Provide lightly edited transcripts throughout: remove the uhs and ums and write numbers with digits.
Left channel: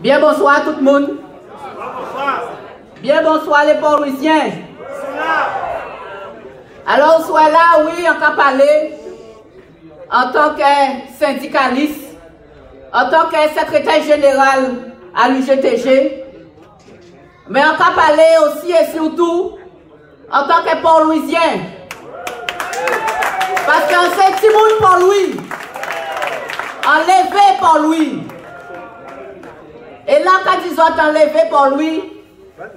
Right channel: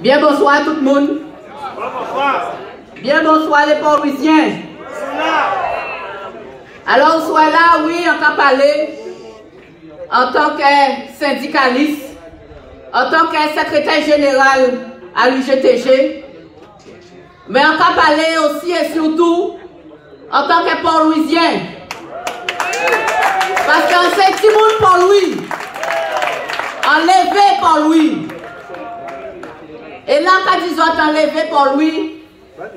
Bien bonsoir à tout le monde. Bien bonsoir les Port-Louisiens. Alors, soit là, oui, on t'a parlé en tant que syndicaliste, en tant que secrétaire général à l'UGTG, mais on t'a parlé aussi et surtout en tant que Port-Louisien. Parce qu'on sait tout le monde Port-Louis, enlevé Port-Louis. Et là, quand ils ont enlevé Port-Louis,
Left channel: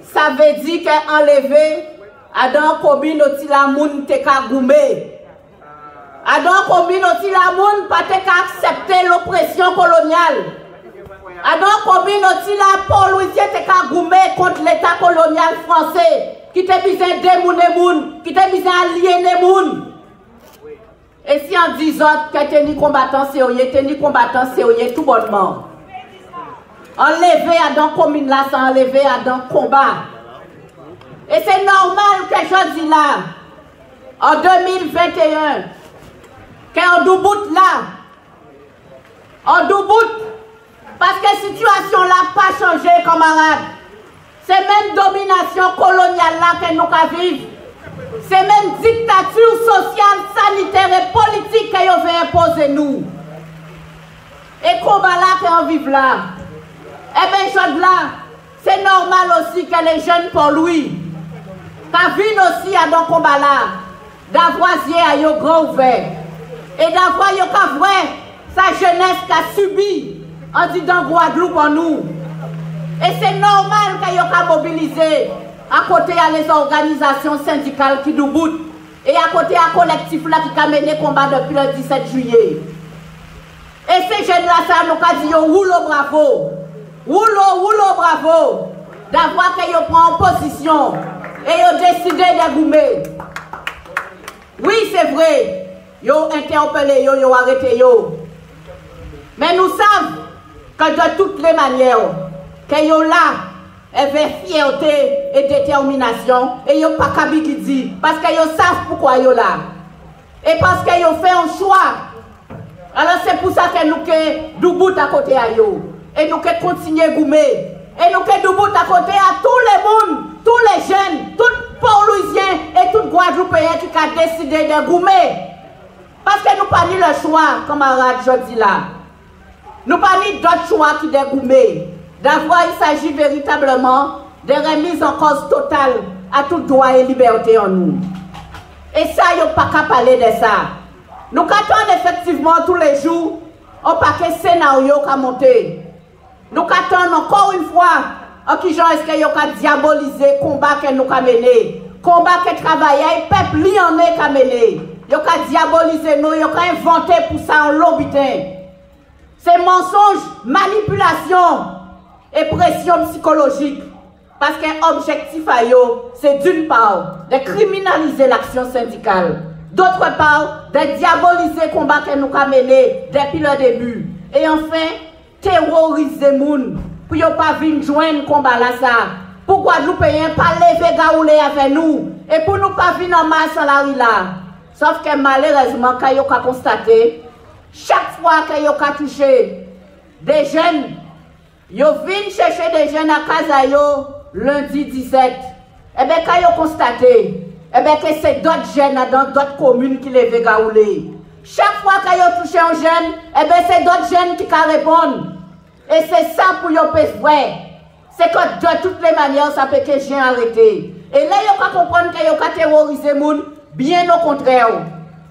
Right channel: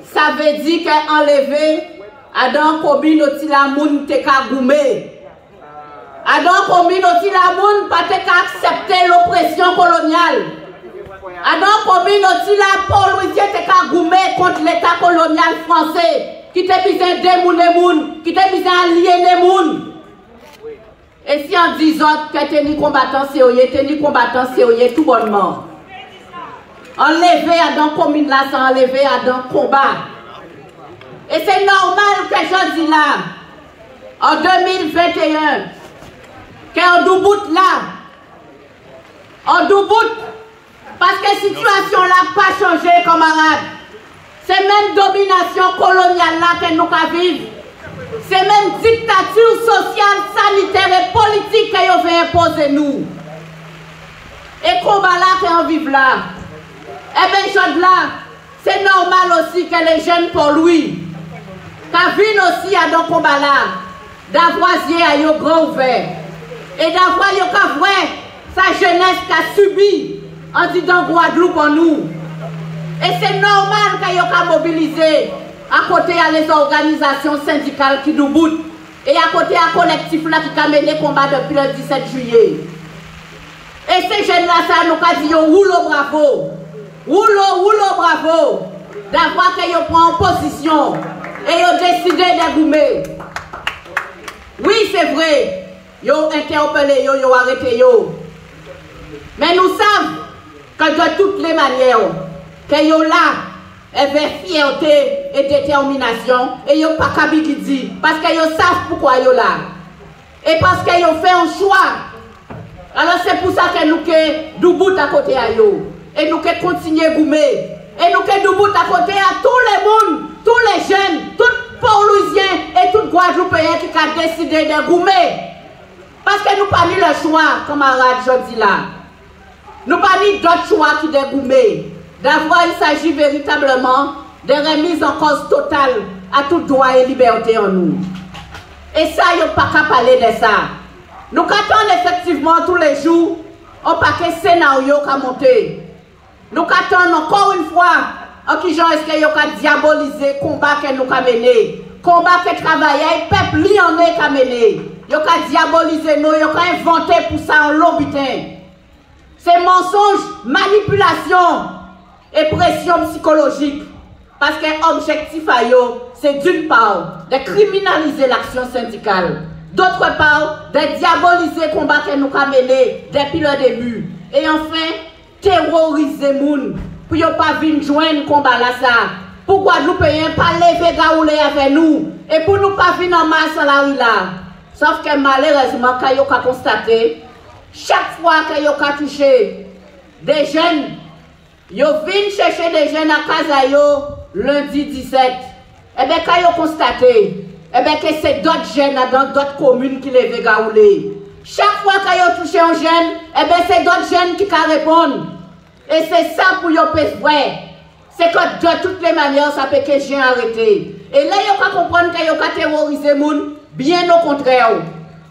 ça veut dire qu'enlevé Adam combine aussi la moun te ka goumé. Adam combine aussi la moun pas te ka accepter l'oppression coloniale. Adam combine aussi la Port-Louisien te ka goumé contre l'état colonial français qui te besoin démouner moun, qui te besoin aliéner moun. Et si on dit autres que t'es ni combattant sérieux, tout bonnement. Enlever Adam commune là, c'est enlever Adam combat. Et c'est normal que je dis là, en 2021, qu'on douboute là, on douboute, parce que la situation là n'a pas changé, camarades. C'est même domination coloniale là que nous avons vivre. C'est même dictature sociale, sanitaire et politique qu'on veut imposer nous. Et combat là qu'on vive là. Eh bien, chose là, c'est normal aussi que les jeunes pour lui, qui vivent aussi à dans combat là, d'avoir à yo grand ouvert. Et d'avoir yo ka vrai sa jeunesse qui a subi en disant Guadeloupe en nous. Et c'est normal que yo ka mobiliser à côté à les organisations syndicales qui nous boutent et à côté à collectif là qui a mené combat depuis le 17 juillet. Et ces jeunes là, ça nous a dit roulo bravo. Roulo bravo. D'avoir que yo prend position et yo décidé de goumer. Oui, c'est vrai. Yo interpellé yo arrêté yo. Mais nous savons que de toutes les manières que yo là avec fierté et détermination et yo pas kabi qui dit parce que yo savent pourquoi yo là et parce que yo fait un choix. Alors c'est pour ça que nous que doubout à côté à yo et nous que continuer goumer et nous que doubout à côté à tous les monde, tous les jeunes, tous Port-Louisiens et tous Guadeloupéens qui ont décidé de goumer parce que nous pas mis le choix camarades je dis là. Nous pas mis d'autres choix qui de goumer. D'avoir, il s'agit véritablement de remise en cause totale à tout droit et liberté en nous. Et ça, il n'y a pas qu'à parler de ça. Nous attendons effectivement tous les jours un paquet scénario qui a monté. Nous attendons encore une fois en qui genre est-ce qu'il y a diaboliser le combat que nous avons mené. Combat que travailler, le peuple lyonnais a mené. Il y a diaboliser nous, il y a inventé pour ça en lobitin. C'est mensonge, manipulation et pression psychologique. Parce qu'un objectif à eux, c'est d'une part de criminaliser l'action syndicale. D'autre part, de diaboliser le combat que nous avons mené depuis le début. Et enfin, terroriser les gens pour ne pas venir joindre le combat là ça. Pour Guadeloupéens pas lever gaoulé avec nous. Et pour nous pas venir en masse à la rue là. Sauf que malheureusement, quand vous avez constaté, chaque fois que vous avez touché des jeunes, yo vin chercher des jeunes à Kazayo lundi 17. Eh bien, quand vous constatez, eh bien, que c'est d'autres jeunes dans d'autres communes qui les gaoulé. Chaque fois que vous touchez un jeune, eh bien, c'est d'autres jeunes qui répondent. Et c'est ça pour vous vrai. C'est que de toutes les manières, ça peut que j'ai arrêté. Et là, vous pouvez comprendre que vous pouvez terroriser les gens, bien au contraire.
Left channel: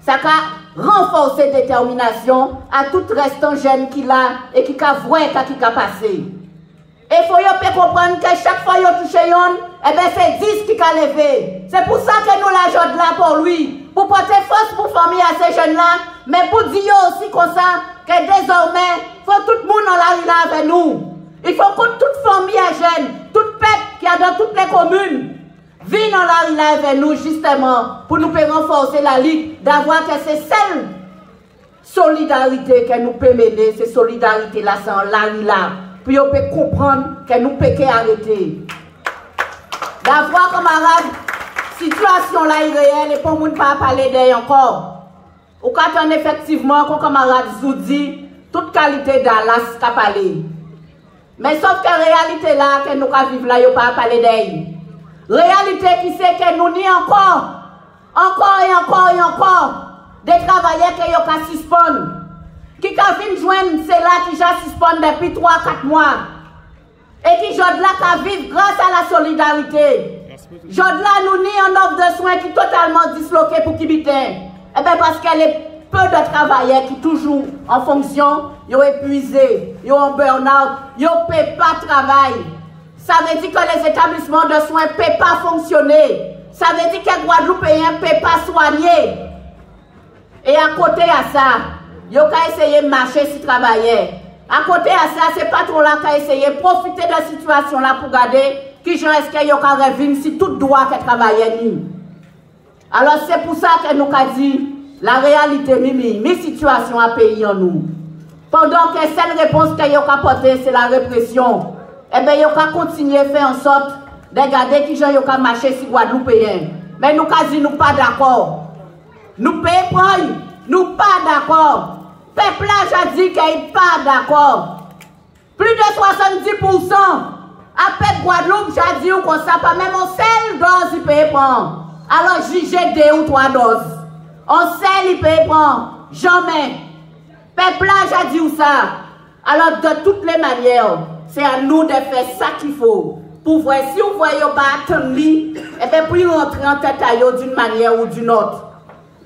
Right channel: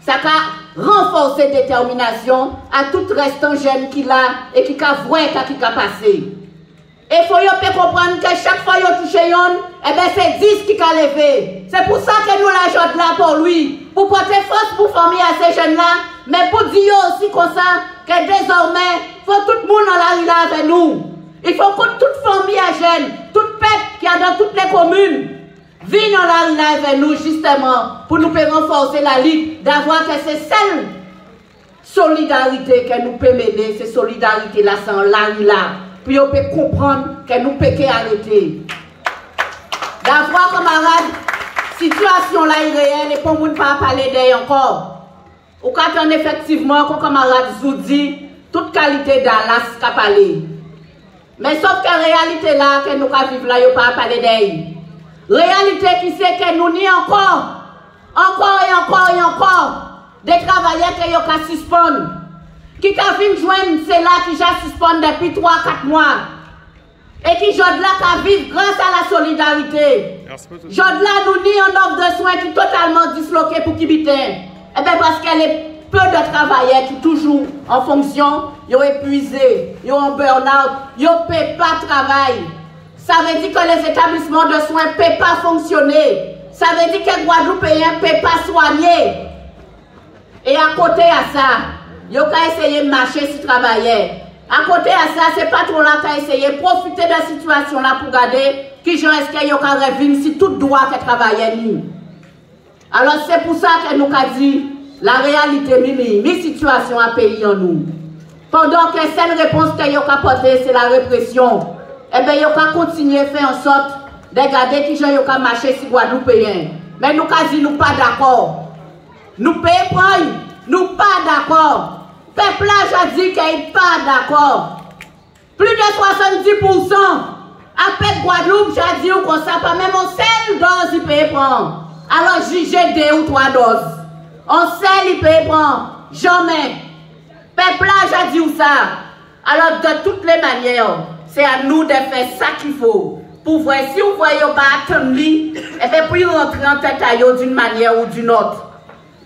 Ça peut renforcer la détermination à tout restant jeune qui l'a et qui a vrai qui a passé. Et il faut comprendre que chaque fois que vous touchez un, eh bien c'est 10 qui a levé. C'est pour ça que nous l'ajoutons là pour lui. Pour porter force pour famille à ces jeunes-là, mais pour dire aussi comme ça que désormais, il faut tout le monde en la rue là avec nous. Il faut que toute famille à jeunes, toute peuple qui est dans toutes les communes, vienne dans la rue là avec nous justement pour nous renforcer la lutte, d'avoir que c'est celle solidarité que nous pouvons mener, c'est solidarité là, c'est en la rue là. Puis on peut comprendre que nous pouvons arrêter. D'avoir, camarades, situation là irréelle et pour nous ne pas parler d'elle encore. Ou quand on effectivement, comme camarade vous dit, toute qualité d'Alas qu'a parlé. Mais sauf que la réalité là, que nous vivons là, il n'y a pas à parler d'elle. Réalité qui c'est que nous n'y encore des travailleurs qui ont suspendre. Qui ont fait joindre, c'est là qui ont suspendre depuis 3-4 mois. Et qui ont là qui vivent grâce à la solidarité. Jod là nous n'y en offre de soins qui totalement disloqué pour qui biten. Eh bien parce qu'elle est peu de travailleurs qui toujours en fonction, ils ont épuisé, ils ont burn-out, ils ne peuvent pas travailler. Ça veut dire que les établissements de soins ne peuvent pas fonctionner. Ça veut dire que les Guadeloupéens ne peuvent pas soigner. Et à côté de ça, ils ont essayé de marcher sur travailler. À côté de ça, c'est pas trop là qui a essayé de profiter de la situation là pour garder qui gens est-ce qu'ils ont revenu si tout droit que travailler. Alors c'est pour ça que nous avons dit la réalité, mes situations à pays en nous. Pendant que seule réponse qu'ils ont apportée, c'est la répression. Eh bien, ils ont continué à faire en sorte de garder qui gens ont marché sur Guadeloupéens. Mais nous avons dit nous pas d'accord. Nous payons, nous pas d'accord. Peuple a dit qu'il n'est pas d'accord. Plus de 70% après Guadeloupe, j'ai dit qu'on ça pas même en seule dose il peut prendre. Alors jugez 2 ou 3 doses. En seule il peut prendre. Jamais. Peuple a dit ça. Alors de toutes les manières, c'est à nous de faire ça qu'il faut. Pour voir si vous voyez pas attendre lui, et bien puis rentrer en tête à eux d'une manière ou d'une autre.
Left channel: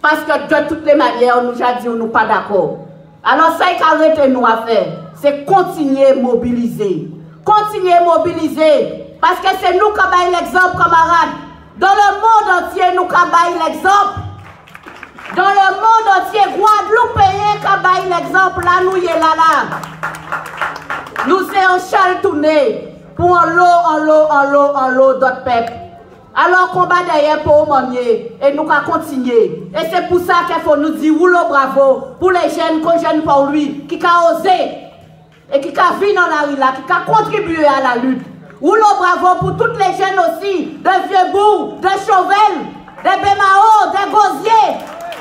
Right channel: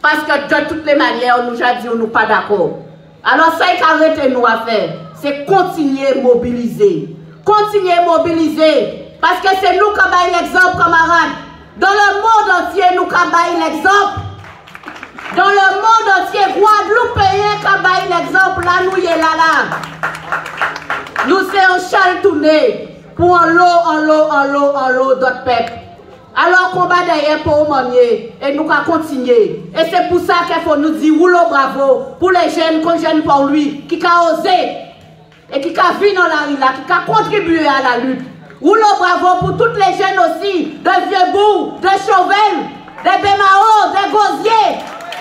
Parce que de toutes les manières, on nous a dit qu'on n'est pas d'accord. Alors ça qu'il nous à faire, c'est continuer à mobiliser. Continuer à mobiliser. Parce que c'est nous qui avons l'exemple, camarades. Dans le monde entier, nous avons l'exemple. Dans le monde entier, Guadeloupéens qui avons l'exemple. Là, nous y est là. Nous sommes chal tourné pour en l'eau d'autres peuples. Alors combat derrière pour manier et nous allons continuer. Et c'est pour ça qu'il faut nous dire rouleau bravo pour les jeunes qu'on gêne pour lui, qui a osé et qui a vu dans la rue là, qui a contribué à la lutte. Rouleau bravo pour toutes les jeunes aussi, de Vieux-Bourg, de Chauvel, des Bémao, des Gosiers,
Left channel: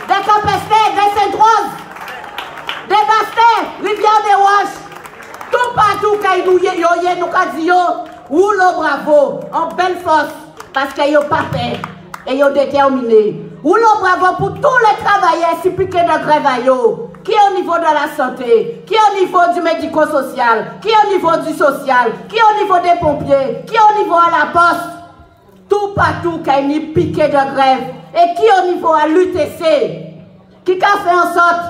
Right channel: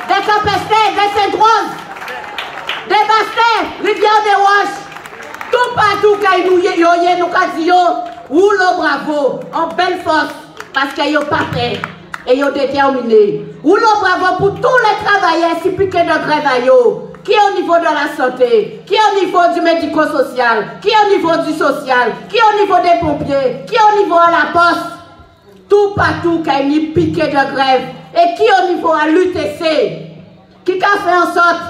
des Capestais, des Saint-Rose, des Bastets, Rivière des Roches. Tout partout qu'il nous dit, rouleau bravo, en belle force. Parce qu'ils n'ont pas fait et ils ont déterminé. Rouleau bravo pour tous les travailleurs si piqués de grève qui est au niveau de la santé, qui est au niveau du médico-social, qui est au niveau du social, qui est au niveau des pompiers, qui est au niveau à la poste. Tout partout qui est piqué de grève et qui est au niveau à l'UTC, qui a fait en sorte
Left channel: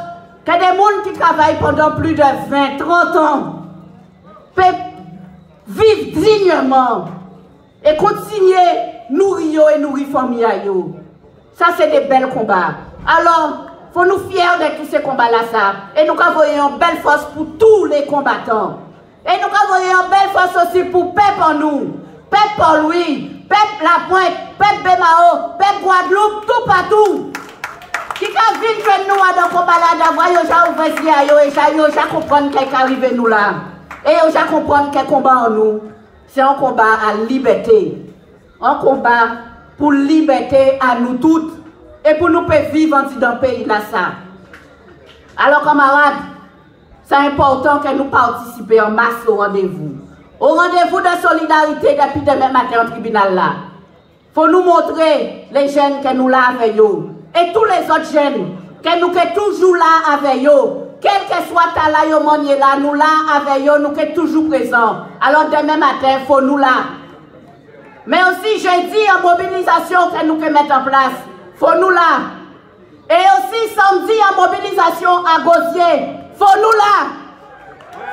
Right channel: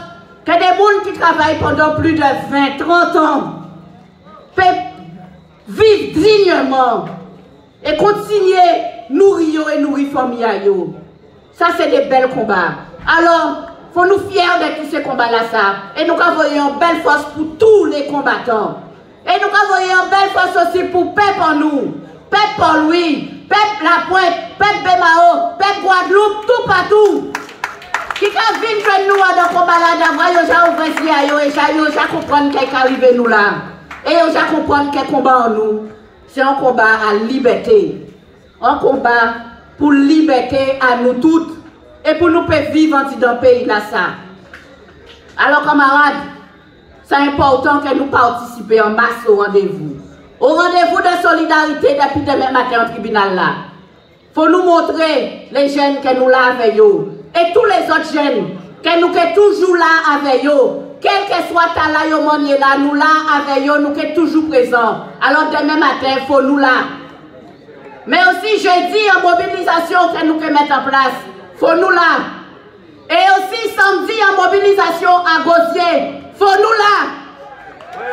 que des gens qui travaillent pendant plus de 20-30 ans peuvent vivre dignement et continuer nourrir et nourrir famille. Ça, c'est des belles combats. Alors, il faut nous fier de tous ces combats-là. Et nous avons une belle force pour tous les combattants. Et nous avons une belle force aussi pour Pep en nous. Pep Paul-Louis, Pep La Pointe, Pep Bémao, Pep Guadeloupe, tout partout. Qui a vu que nous, dans le combat-là, d'avoir ouvert et j'ai compris qu'est-ce qui arrive nous là. Et j'ai compris quel combat en nous. C'est un combat à liberté. Un combat pour liberté à nous toutes. Et pour nous vivre dans le pays là ça. Alors camarades, c'est important que nous participions en masse au rendez-vous. Au rendez-vous de solidarité depuis demain matin au tribunal là. Faut nous montrer les jeunes que nous là avec eux. Et tous les autres jeunes que nous sommes toujours là avec eux. Quel que soit ta là, nous là avec eux, nous sommes toujours présents. Alors demain matin, il faut nous là. Mais aussi jeudi en mobilisation que nous pouvons mettre en place. Faut nous là. Et aussi samedi en mobilisation à Gosier. Faut nous là.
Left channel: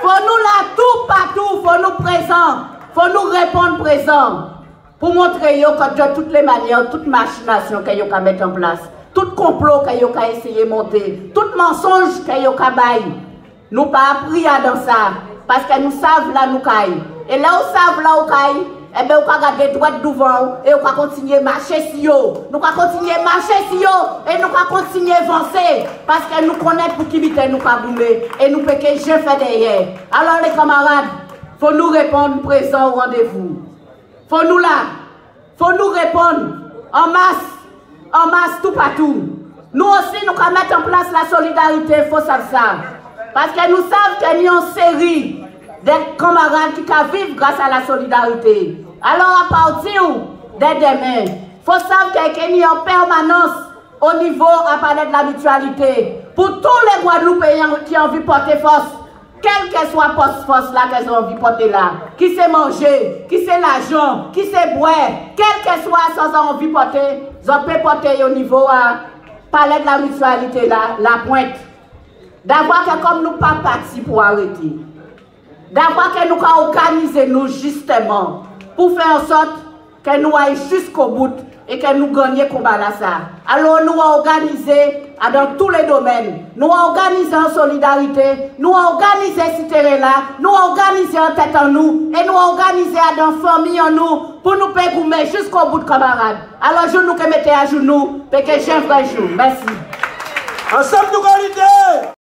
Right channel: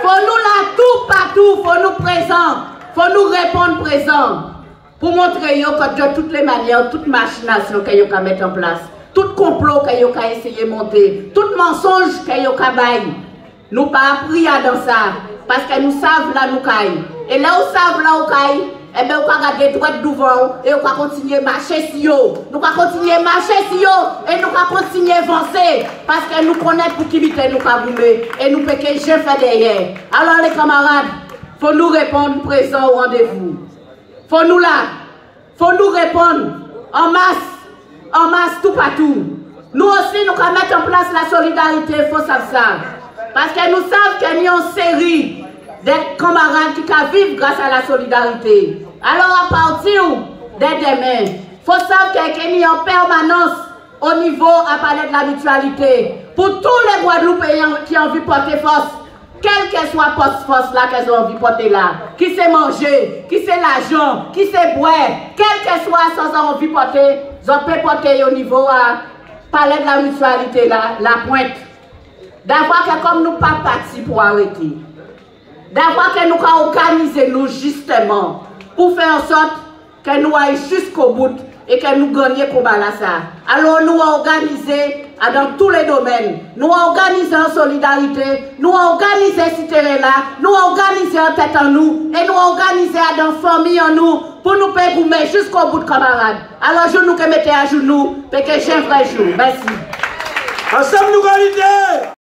Faut nous là tout partout. Faut nous présents. Faut nous répondre présents. Pour montrer que de toutes les manières, toute machination que vous pouvez mettre en place, tout complot que vous pouvez essayer de monter, tout mensonge que vous pouvez nous pas appris dans ça. Parce que nous savons là nous caille. Et là où savons là où caille, eh bien, on va regarder droit devant et on va continuer à marcher sur eux. Nous allons continuer à marcher sur eux et nous allons continuer à avancer. Parce que nous connaissons pour qui vite nous allons bouger et nous pouvons que je fais derrière. Alors les camarades, il faut nous répondre présent au rendez-vous. Il faut nous là. Il faut nous répondre en masse tout partout. Nous aussi, nous allons mettre en place la solidarité, il faut savoir ça. Parce que nous savons qu'il y a une série des camarades qui vivent grâce à la solidarité. Alors, à partir de demain, il faut savoir qu'il y a en permanence au niveau à parler de la mutualité pour tous les Guadeloupéens qui ont envie de porter force, quelle que soit force là qu'elles ont envie de porter là, qui sait manger, qui sait l'argent, qui sait boire, quelle que soit sans envie de porter, ils peuvent porter au niveau à parler de la mutualité là, la pointe. D'avoir que comme nous pas partis pour arrêter, d'avoir que nous organiser nous justement pour faire en sorte que nous aillons jusqu'au bout et que nous gagnions comme ça. Alors nous organiser dans tous les domaines, nous organiser en solidarité, nous organiser cité là, nous organiser en tête en nous et nous organiser dans famille en nous pour nous faire jusqu'au bout de camarades. Alors je nous que mettez à genoux, parce que j'ai un vrai jour. Merci. Ensemble nous qualité.